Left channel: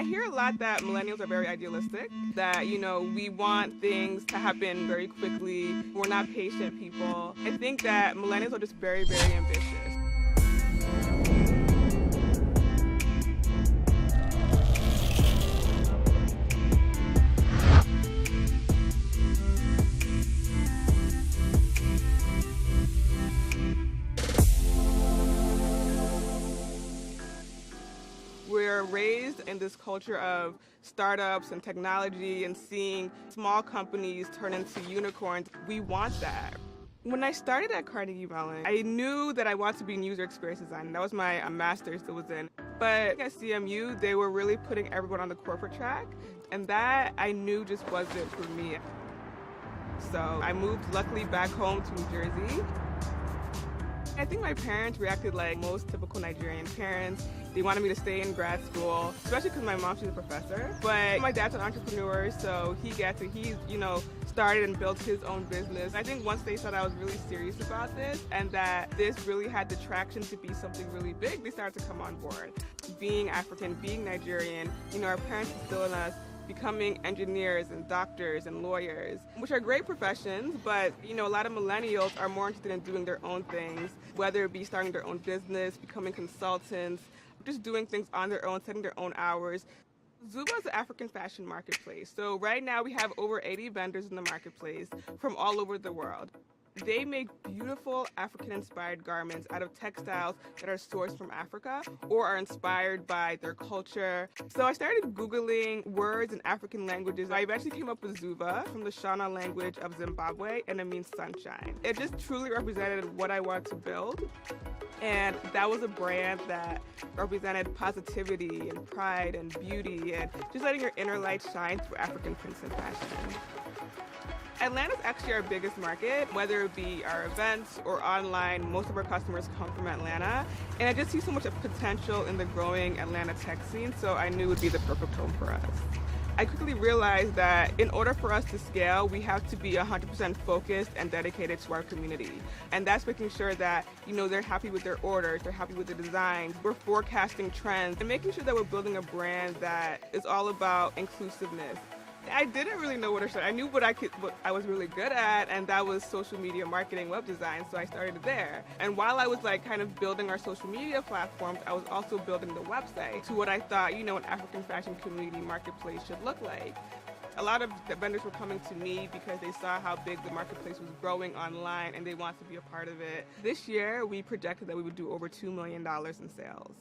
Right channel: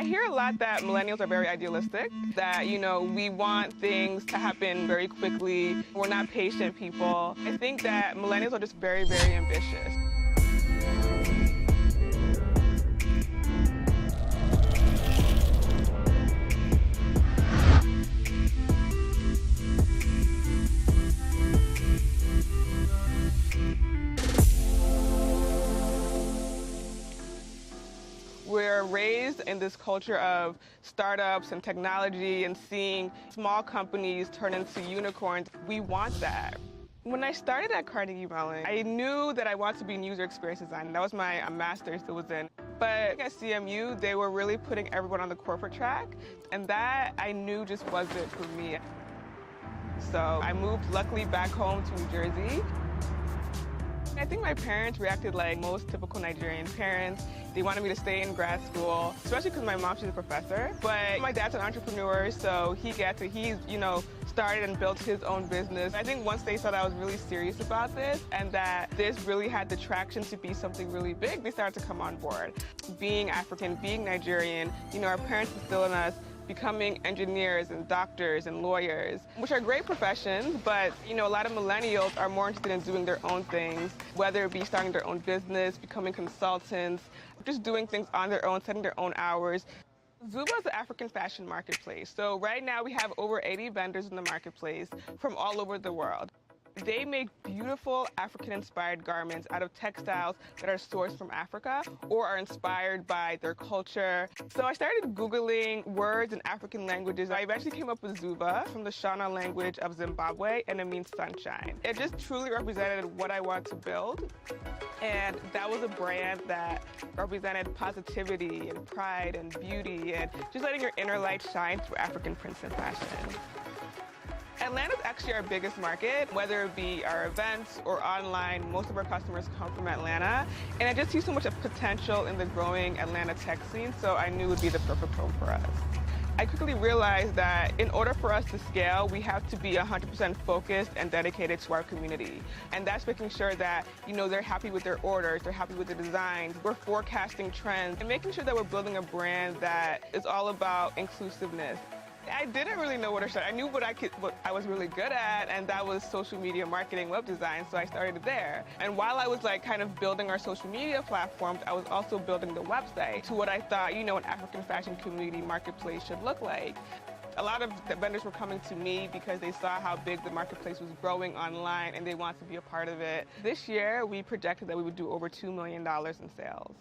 I hear a lot that millennials are very idealistic, that, we want things to happen very quickly. We're not patient people. I think that millennials are just very, very ambitious. We're raised in this culture of startups and technology and seeing small companies turn into unicorns. We want that. When I started at Carnegie Mellon, I knew that I wanted to be in user experience design. That was my master's that was in. But at CMU, they were really putting everyone on the corporate track, and that I knew just wasn't for me. So I moved, luckily, back home to New Jersey. I think my parents reacted like most typical Nigerian parents. They wanted me to stay in grad school, especially because my mom, she's a professor. But my dad's an entrepreneur, so he started and built his own business. I think once they saw that I was really serious about this and that this really had the traction to be something really big, they started to come on board. Being African, being Nigerian, our parents instilled in us becoming engineers and doctors and lawyers, which are great professions, but a lot of millennials are more interested in doing their own things, whether it be starting their own business, becoming consultants, just doing things on their own, setting their own hours. Zuvaa is an African fashion marketplace. So right now we have over 80 vendors in the marketplace from all over the world. They make beautiful African-inspired garments out of textiles that are sourced from Africa or are inspired by their culture. So I started Googling words in African languages. I eventually came up with Zuvaa from the Shona language of Zimbabwe, and it means sunshine. It just truly represented what I wanted to build. And that was a brand that represented positivity and pride and beauty and just letting your inner light shine through African prints and fashion. Atlanta's actually our biggest market, whether it be our events or online. Most of our customers come from Atlanta, and I just see so much of potential in the growing Atlanta tech scene, so I knew it would be the perfect home for us. I quickly realized that in order for us to scale, we have to be 100% focused and dedicated to our community. And that's making sure that, they're happy with their orders, they're happy with the designs, we're forecasting trends, and making sure that we're building a brand that is all about inclusiveness. I didn't really know where to start. I knew what I was really good at, and that was social media marketing, web design, so I started there. And while I was kind of building our social media platforms, I was also building the website to what I thought, an African fashion community marketplace should look like. A lot of the vendors were coming to me because they saw how big the marketplace was growing online and they wanted to be a part of it. This year, we projected that we would do over $2 million in sales.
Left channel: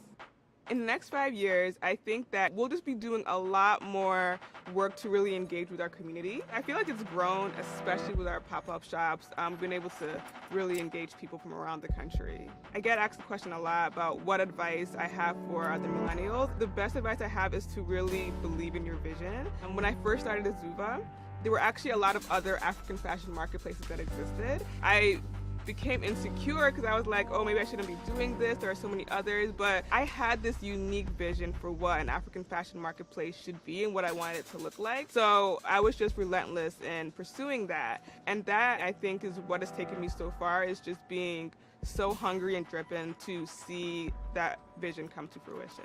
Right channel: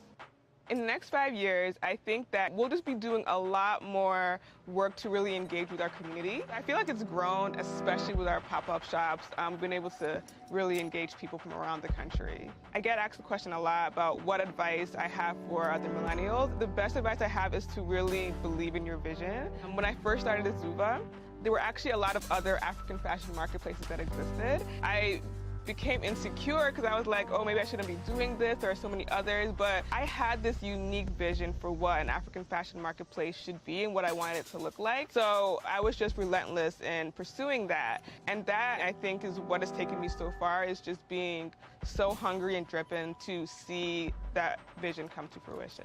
In the next 5 years, I think that we'll just be doing a lot more work to really engage with our community. I feel like it's grown, especially with our pop-up shops, being able to really engage people from around the country. I get asked the question a lot about what advice I have for other millennials. The best advice I have is to really believe in your vision. When I first started at Zuvaa, there were actually a lot of other African fashion marketplaces that existed. I became insecure because I was like, oh, maybe I shouldn't be doing this. There are so many others, but I had this unique vision for what an African fashion marketplace should be and what I wanted it to look like. So I was just relentless in pursuing that. And that, I think, is what has taken me so far, is just being so hungry and driven to see that vision come to fruition.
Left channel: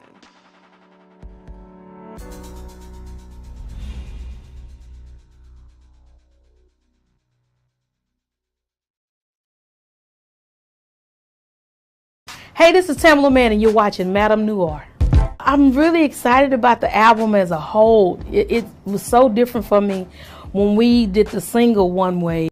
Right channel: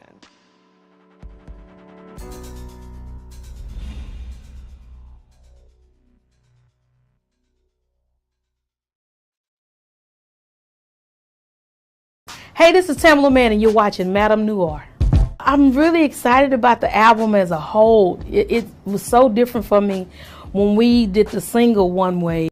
Hey, this is Tamala Man, and you're watching Madame Noir. I'm really excited about the album as a whole. It was so different for me when we did the single One Way.